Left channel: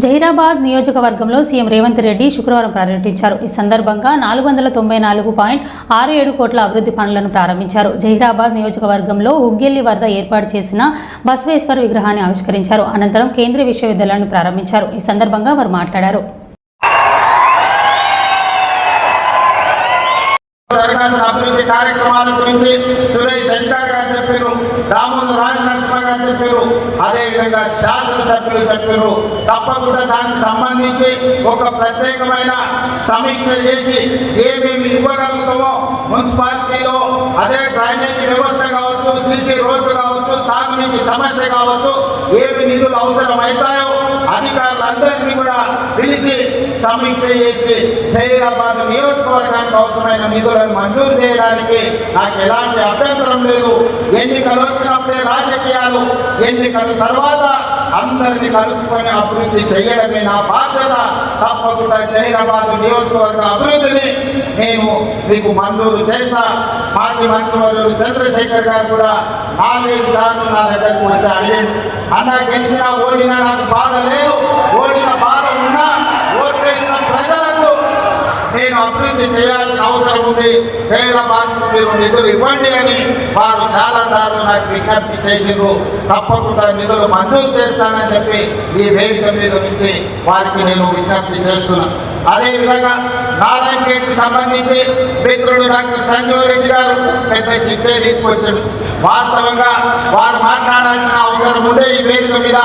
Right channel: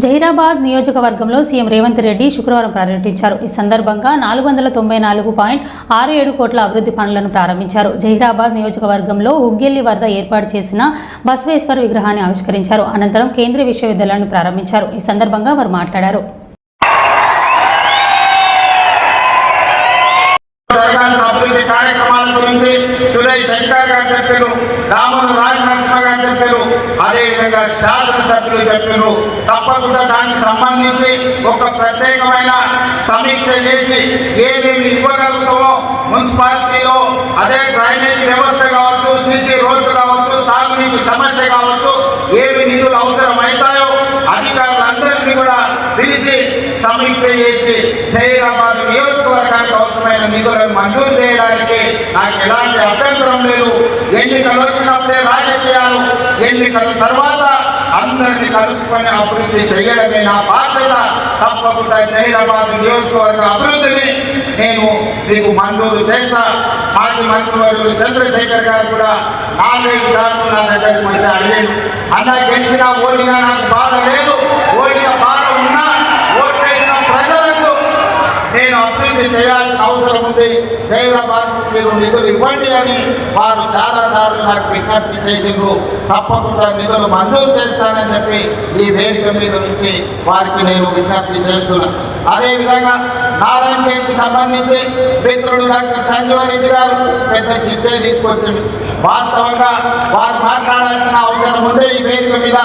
జహీరాబాద్ నియోజకవర్గంలో సీఎం రేవంత్ రెడ్డి శుక్రవారం పర్యటించారు. ఈ సందర్భంగా 494.67 కోట్ల అభివృద్ధి పనులను ప్రారంభించారు. జహీరాబాద్ నియోజకవర్గంలో ఉగ్గెల్లి వద్ద ఏర్పాటు చేసిన బసవేశ్వర్ విగ్రహాన్ని ఆవిష్కరించారు. అనంతరం కేంద్రీయ విశ్వవిద్యాలయాన్ని ప్రారంభించారు. ఈ సందర్భంగా వారు మాట్లాడారు. అభివృద్ధి కార్యక్రమాల గురించి సురేష్ శంకర్ గారు చెప్పారు, దామోదర్ రాజ్ నరసింహ గారు చెప్పారు, అదేవిధంగా శాసనసభ్యులు చెప్పారు. తప్పకుండా దానికి సంబంధించి ఒక ప్రత్యేకమైన సమీక్ష చేసి ఏమేమి ఇవ్వగలుగుతామో మున్సిపాలిటీలో అదే డ్రైనేజ్ వ్యవస్థ కావచ్చు, సిసి రోడ్డు కావచ్చు, తాగునీటి సమస్య కావచ్చు, ఏమి నిధులు అవసరమవుతాయో అధికారులందరినీ కూడా పిలిచి సమీక్ష చేసి జహీరాబాద్ నియోజకవర్గానికి అవసరమైన నిధులను మంజూరు చేయడానికి నాకు ఎలాంటి అభ్యంతరం లేదు. ఎన్నికలు వచ్చినప్పుడే రాజకీయాలు, ఎన్నికల తర్వాత అందరినీ కలుపుకొని అభివృద్ధి చేయడమే నా బాధ్యత. తప్పకుండా జహీరాబాద్ నియోజకవర్గ అభివృద్ధిని నేను మీకు మంజూరు చేస్తా. మాజీ మంత్రివర్యులు చంద్రశేఖర్ గారు కూడా 4-5 సార్లు నా దగ్గరకు వచ్చి అడిగాను, అన్నా గెలిచినా ఓడినా నాకు బాధ లేదు, ఓడిన బాధ ఉన్నా ఓట్లేసిన ప్రజలకు నేను అభివృద్ధి చేయాల్సిన అవసరం ఉంది, జహీరాబాద్ మీరు నిధులు ఇవ్వండి అని వారు చాలా సార్లు నాకు విజ్ఞప్తి చేసిండ్రు. తప్పకుండా నిధులు మంజూరు చేస్తానని చెప్పి ఈ వేదిక మీద నుంచి వారికి నేను విజ్ఞప్తి చేస్తున్నాను. అదేవిధంగా నారాయణగేట్కి సంబంధించి మిత్రుడు డాక్టర్ సంజీవరెడ్డి గారు పెద్ద చిత్తే తీసుకొచ్చాడు. వాస్తవంగా వారు మాట్లాడాల్సిన అవసరం ఉండే ఈ వేదిక మీద,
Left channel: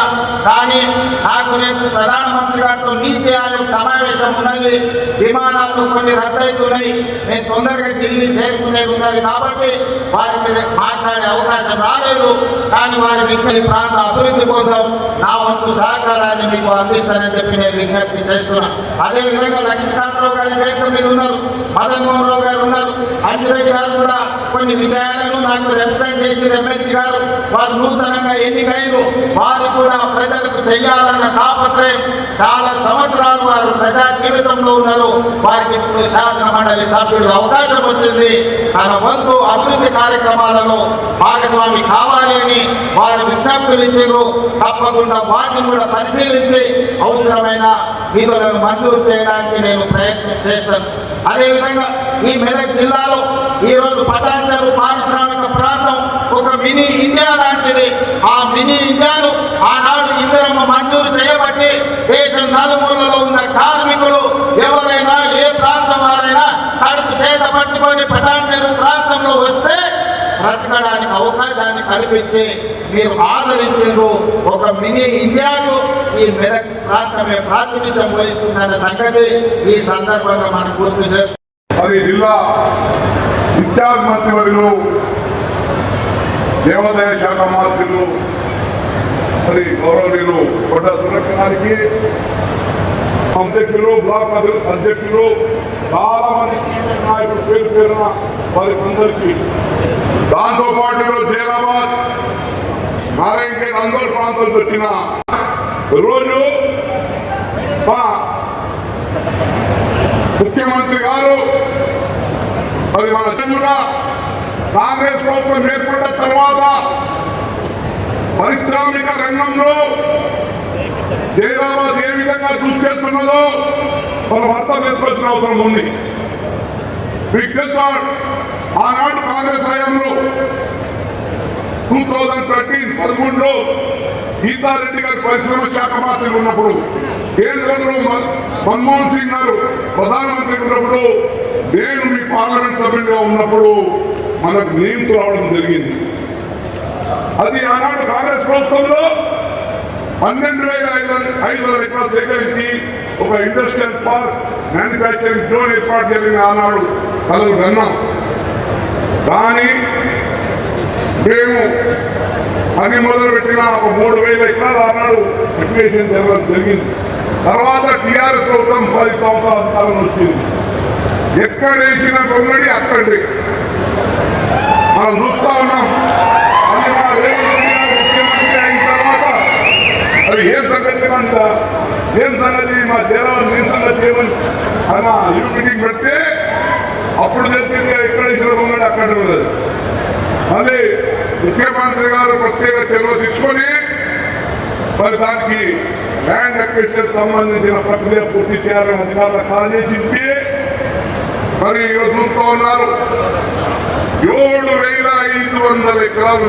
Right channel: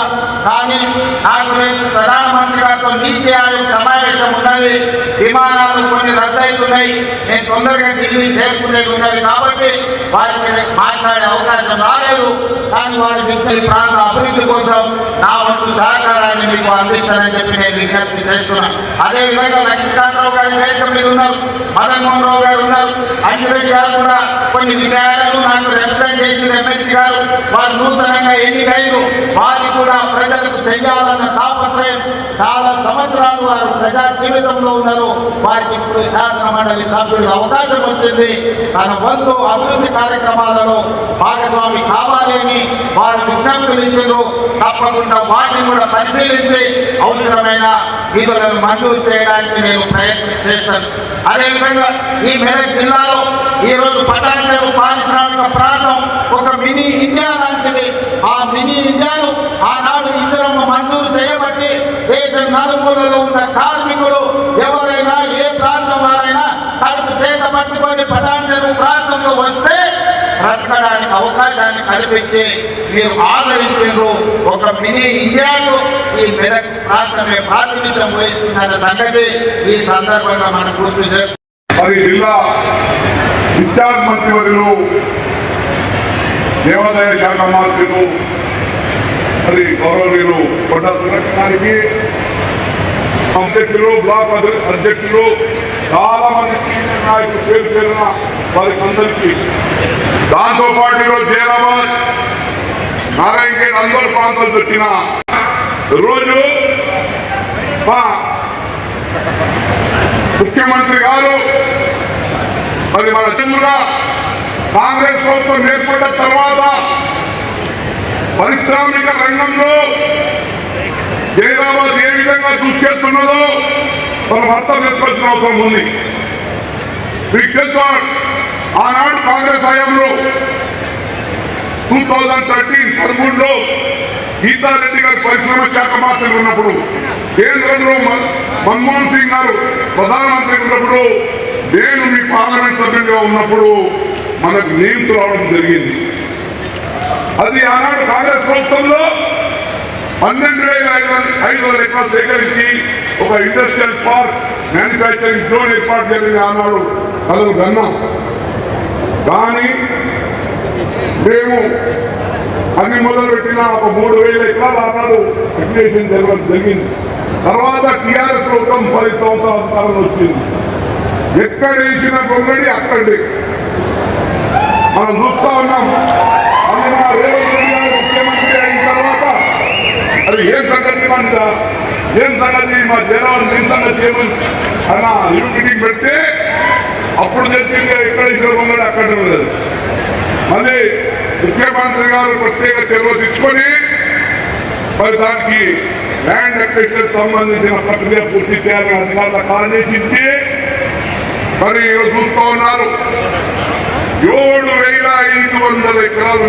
కానీ నాకు రేపు ప్రధానమంత్రి గారితో నీతి ఆయోగ్ సమావేశం ఉన్నది, విమానాలు కొన్ని రద్దవుతున్నాయి, నేను తొందరగా ఢిల్లీ చేరుకునేది ఉన్నది కాబట్టి వారికి మాట్లాడే అవకాశం రాలేదు. కానీ వారి ఈ ప్రాంత అభివృద్ధి కోసం నా వంతు సహకారాన్ని మీకు అందిస్తానని చెప్పి నేను విజ్ఞప్తి చేస్తున్నాను. అదేవిధంగా లక్ష్మీకాంతరావు గారి వేదిక మీద ఉన్నారు, మదన్మోహన్ రావు గారు ఉన్నారు, అంజిరెడ్డి గారు కూడా కొన్ని విషయాలను నాకు రిప్రజెంట్ చేసి ఎమ్మెల్సీ గారు వారు నూతనంగా ఎన్నికైరు, వారు కూడా ప్రజలకు చేయాలన్న తాపత్రయం, చాలా సంవత్సరాలు వారు ప్రజా జీవితంలో ఉన్నారు, వారికి ఇప్పుడు శాసన మండలి సభ్యుడికి అవకాశం వచ్చింది. తన వంతు అభివృద్ధి కార్యక్రమాలలో భాగస్వామి కావాలి అని వారు విజ్ఞప్తులు ఇచ్చారు. తప్పకుండా వాటిని కూడా పరిశీలించి అవసరమైన నిధులను మంజూరు చేయడానికి నేను ప్రయత్నం చేస్తాను. అదేవిధంగా ఈ మెదక్ జిల్లాలో ఈరోజు పటాన్చెరు పారిశ్రామిక ప్రాంతం ఒక మినీ ఇండియా లాంటిది. ఆ మినీ ఇండియాను ఆనాడు ఇందిరమ్మ మంజూరు చేయబట్టి దేశం నలుమూలలో ఉన్న కార్మికులు ఎవరైనా ఏ ప్రాంతం వారైనా కడుపు చేత పట్టుకొని పటాన్చెరు ప్రాంతంలో వస్తే బ్రతకడానికి అవకాశాన్ని కల్పించి మీరు ఆదరించారు. ఒక మినీ ఇండియాకు ఈ మెదక్ ప్రాంతమే ప్రాతినిధ్యం వహిస్తుందన్న సంగతి ఈ సందర్భంగా మనం గుర్తు చేసుకుంటాం. మరి జిల్లా ఇన్ఛార్జ్ మంత్రివర్యులు, దేవాదాయ శాఖ మంత్రులు, మరి గౌరవనీయులు కొండా సురేఖ గారికి, అధ్యక్షులు, బ్లాక్ అధ్యక్షులు, చాలా మంది సీనియర్ నాయకులు పేరు పేరున వారికి అందరికీ, దాంతోపాటు జహీరాబాద్ నారాయణగేట్ అందరూ ప్రాంతాలు పెట్టిన రోజు మా ముఖ్యమంత్రి గారు మరి మన జిల్లా కాంగ్రెస్ ప్రభుత్వం ఏర్పడ్డ తర్వాత పారిశ్రామిక రంగంలో జహీరాబాద్ ఏ విధంగా దూసుకెళ్తున్నదో మనం అర్థం చేసుకోవాల్సిన అవసరం ఉంది. మీకు తెలుసు, ఆనాడు కాంగ్రెస్ హయాంలో 2013 గీతారెడ్డి గారి పరిశ్రమ శాఖ మంత్రి ఉన్నప్పుడు, కేంద్రంలో మన్మోహన్ సింగ్ గారు ప్రధానమంత్రి ఉన్నప్పుడు, నేను మీ పార్లమెంట్ సభ్యులుగా ఉన్నప్పుడు మనకు నియమితులు రావడం జరిగింది. అది ఆనాడు కాంగ్రెస్ ప్రభుత్వంలో 12,500 ఎకరాలు సేకరించి ఒక ఇండస్ట్రియల్ పార్క్, మ్యానుఫ్యాక్చరింగ్ జోన్ ఏర్పాటు జరిగింది. ఆనాడు కలలు కన్నాం. కానీ మేము అన్ని మొదలుపెట్టిన ఒక 3,000 ఎకరాలు ఆనాడు అప్లికేషన్ జరగడం జరిగింది. తర్వాత టీఆర్ఎస్ ప్రభుత్వం 10 సంవత్సరాల కాలం వచ్చింది. ఎక్కడ వేసిన గొంగడి అక్కడే మనం చూస్తూ ఉన్నాం. అది మా ముఖ్యమంత్రి అయిన తర్వాత అది ఏం సంగతి, ఏం సంగతి, మా జనాలు ఏం సంగతి అన్న మీటింగ్ పెడితే అప్పుడు చెప్పింది ఎక్కడ వేసిన గొంగడి అక్కడ లేదు. మళ్ళీ ముఖ్యమంత్రి గారు ప్రత్యేక చర్యలు తీసుకొని మరి దానికి ల్యాండ్ అక్విజిషన్ సంబంధించిన ప్రక్రియ పూర్తి చేయాలని అధికారులకు ఆదేశించి మరి ఈరోజు చూస్తూ ఉన్నారు 7,500 ఎకరాలు